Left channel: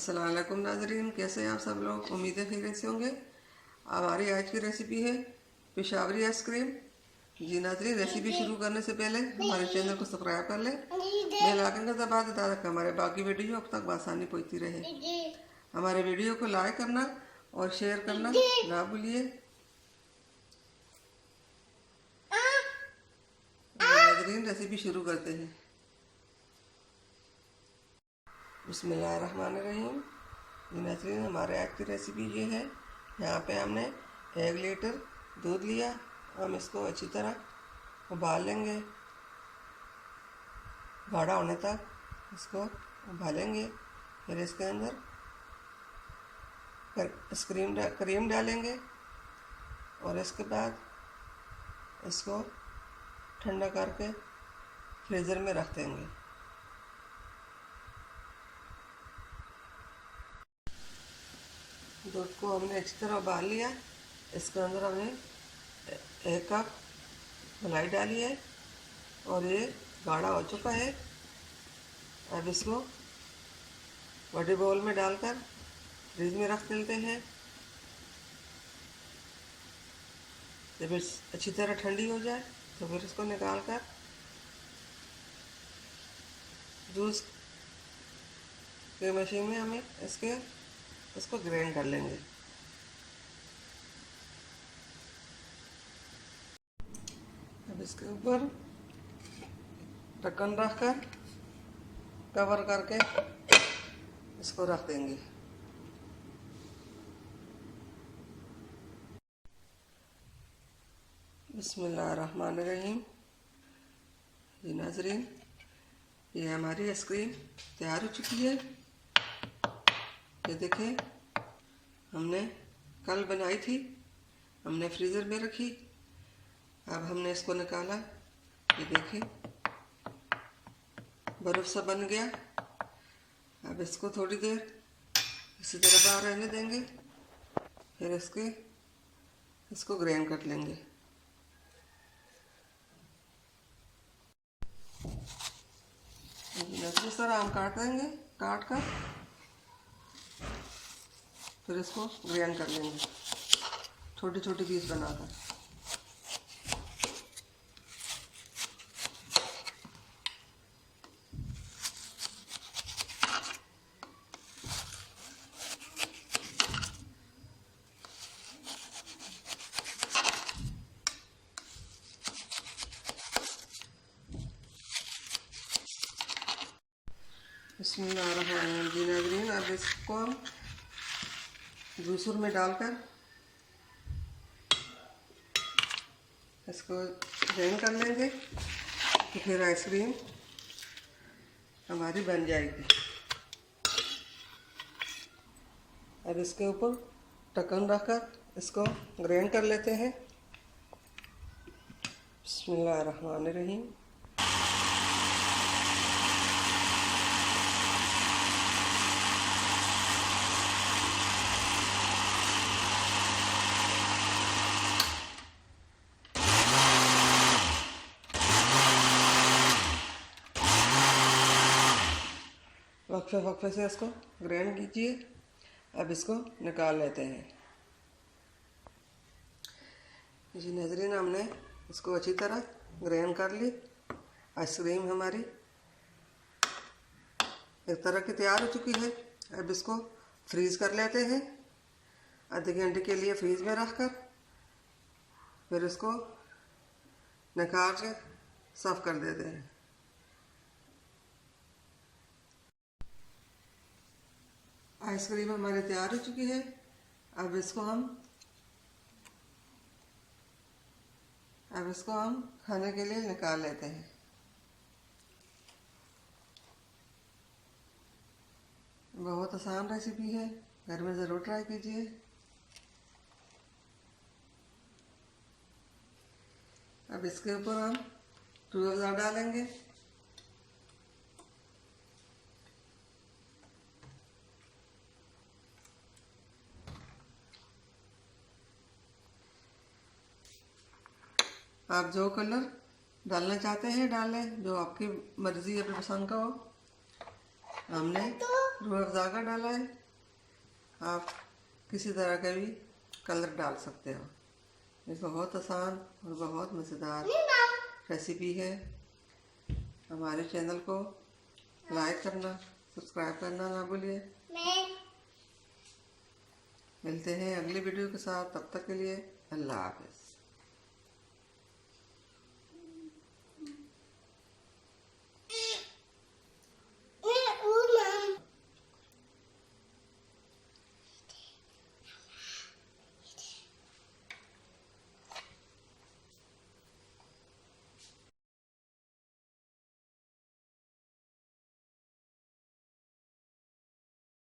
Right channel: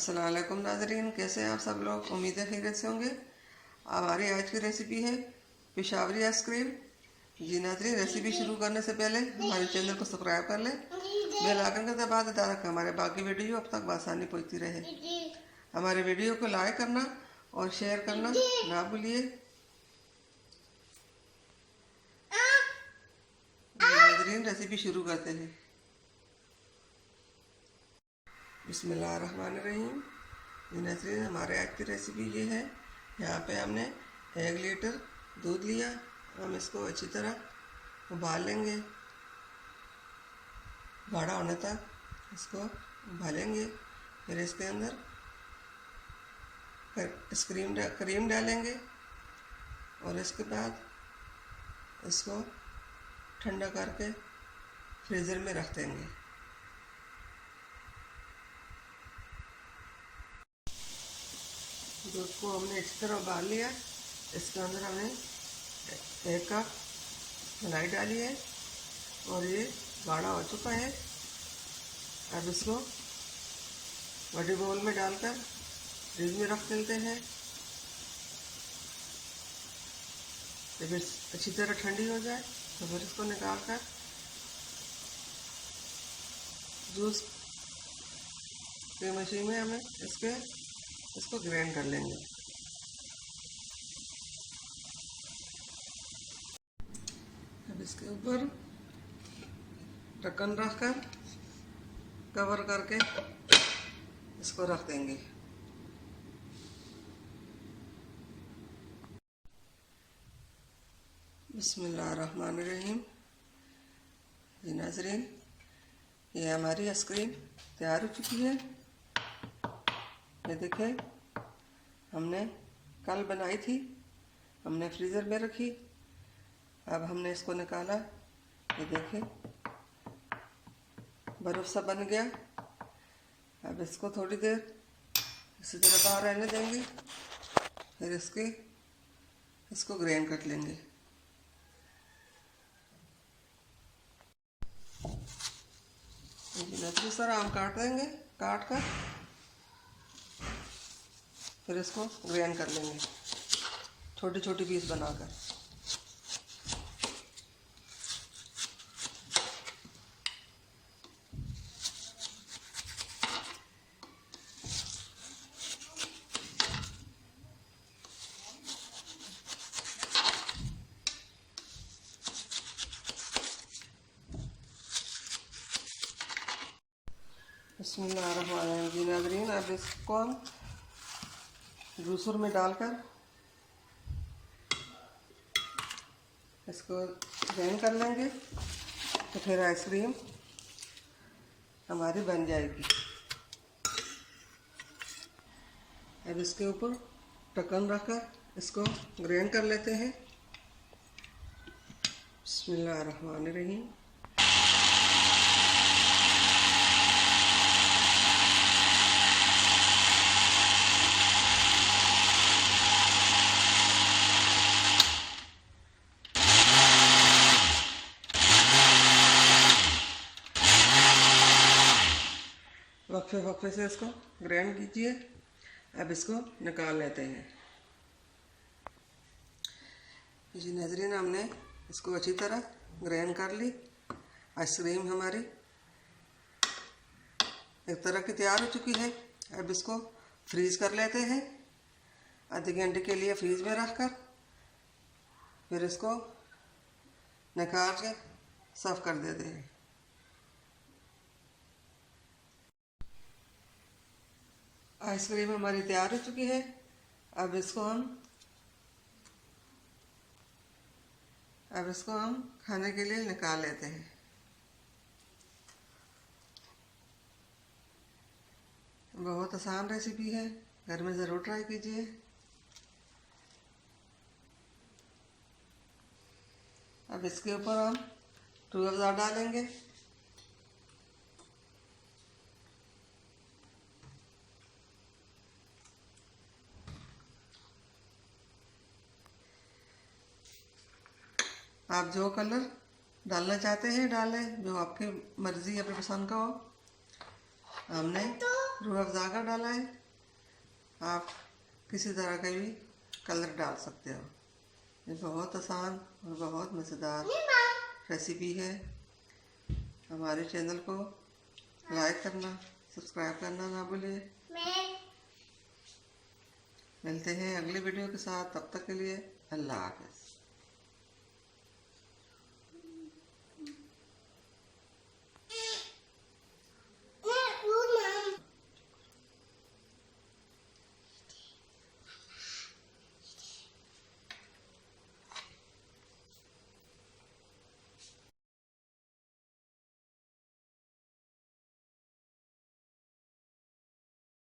अस्सलाम वालेकुम नाजरीन, कैसे हैं आप सब लोग। उम्मीद है खैरियत से होंगे। हमारी आज की रेसिपी है पेशावरी आइसक्रीम। जी नाजरीन, रेसिपी शुरू करने से पहले हमारे चैनल को सब्सक्राइब कर लें, बेल आइकन का दबा दें ताकि हमारे बाकी वीडियो अब तक आसानी पहुंचती रहे। हमारे वीडियो को लाइक करना और शेयर करना ना भूलिए। नाजरीन, रेसिपी शुरू करते हैं। बिस्मिल्लाहिर्रहमानिर्रहीम। जी नाज़रीन, हमारे आज की रेसिपी ये है। यहाँ पे हमने 1 लीटर दूध लिया। हम इसको अच्छी तरह उबाल लेंगे, गाढ़ा होने तक इसको उबालेंगे। फिर इसके अंदर क्रीम डालेंगे और इसके बाद इसको ठंडा करके फ्रीज़र में रख देंगे। दूध को हमने अच्छी तरह उबाल लिया। इसके अंदर हमने 1 कप मलाई डाली है और ये गाढ़ा हो चुका है। अब इसको बड़े बाउल में डालकर फ्रिज में रख देते हैं। जब अच्छी तरह ठंडी हो जाए तो फिर इसको निकाल कर जूस के मशीन में हमें इसको ग्राइंड कर लेंगे। अब इसके ऊपर ढक्कन रखकर कवर करके इसको रख देंगे। बिस्मिल्लाहिर्रहमानिर्रहीम। जी नाज़रीन, ये हमारी आइसक्रीम तैयार हो चुकी है। ये देखें, हमने कल बनाई थी, हमने फ्रीज़र में रखी। अब हमने इसको निकाला। ये देखें, बर्फ़ सा बन गया। अब इसको थोड़ी देर इसी तरह बाहर रहने देंगे। फिर इसको ग्राइंड कर लेंगे। नजर सर आम काट देंगे, काट कर फिर इसको ग्राइंड कर लेंगे छोटी छोटी पीस बनाकर। बिस्मिल्लाहिर्रहमानिर्रहीम। जी नाज़रीन, अब इसको हम जूसर में डालकर इसको ग्राइंड कर लेंगे तो फिर आइसक्रीम हमारी बन जाएगी। अब इसके ऊपर ढक्कन रखकर इसको ग्राइंड कर लेते हैं। बिस्मिल्लाहिर्रहमानिर्रहीम। वक्फे से इसको ग्राइंड कीजिए। अब इसको निकाल लेते हैं। जी नाज़रीन, हमने इसको अच्छी तरह ग्राइंड कर ली। आइसक्रीम हमारी एक तरह की तैयार हो चुकी है। अब इसको फ्रीज़ कर लेते हैं। आधे घंटे के लिए फ्रीज में रख कर फिर इसको निकाल के सर्व कर देते हैं। आइसक्रीम हमारी तैयार हो चुकी है। अब इसको हम खाने के लिए निकाल लेते हैं। बहुत आसान रेसिपी है, घर में ज़रूर ट्राई कीजिए। अब इसके ऊपर हम रूह अफ़ज़ा डालेंगे। आप जो कलर डालना चाहते हैं डालें, जो आपकी मर्ज़ी अपनी पसंद का हो। हमने रूह अफ़ज़ा का डाला है। आप किसी तरह का भी कलर डाल सकते हो। ये बहुत आसान और बहुत मज़ेदार रेसिपी है। हमारे चैनल को लाइक करना, सब्सक्राइब करना ना भूलिए। मिलते हैं अगली वीडियो के साथ, तब तक के लिए अल्लाह हाफ़िज़।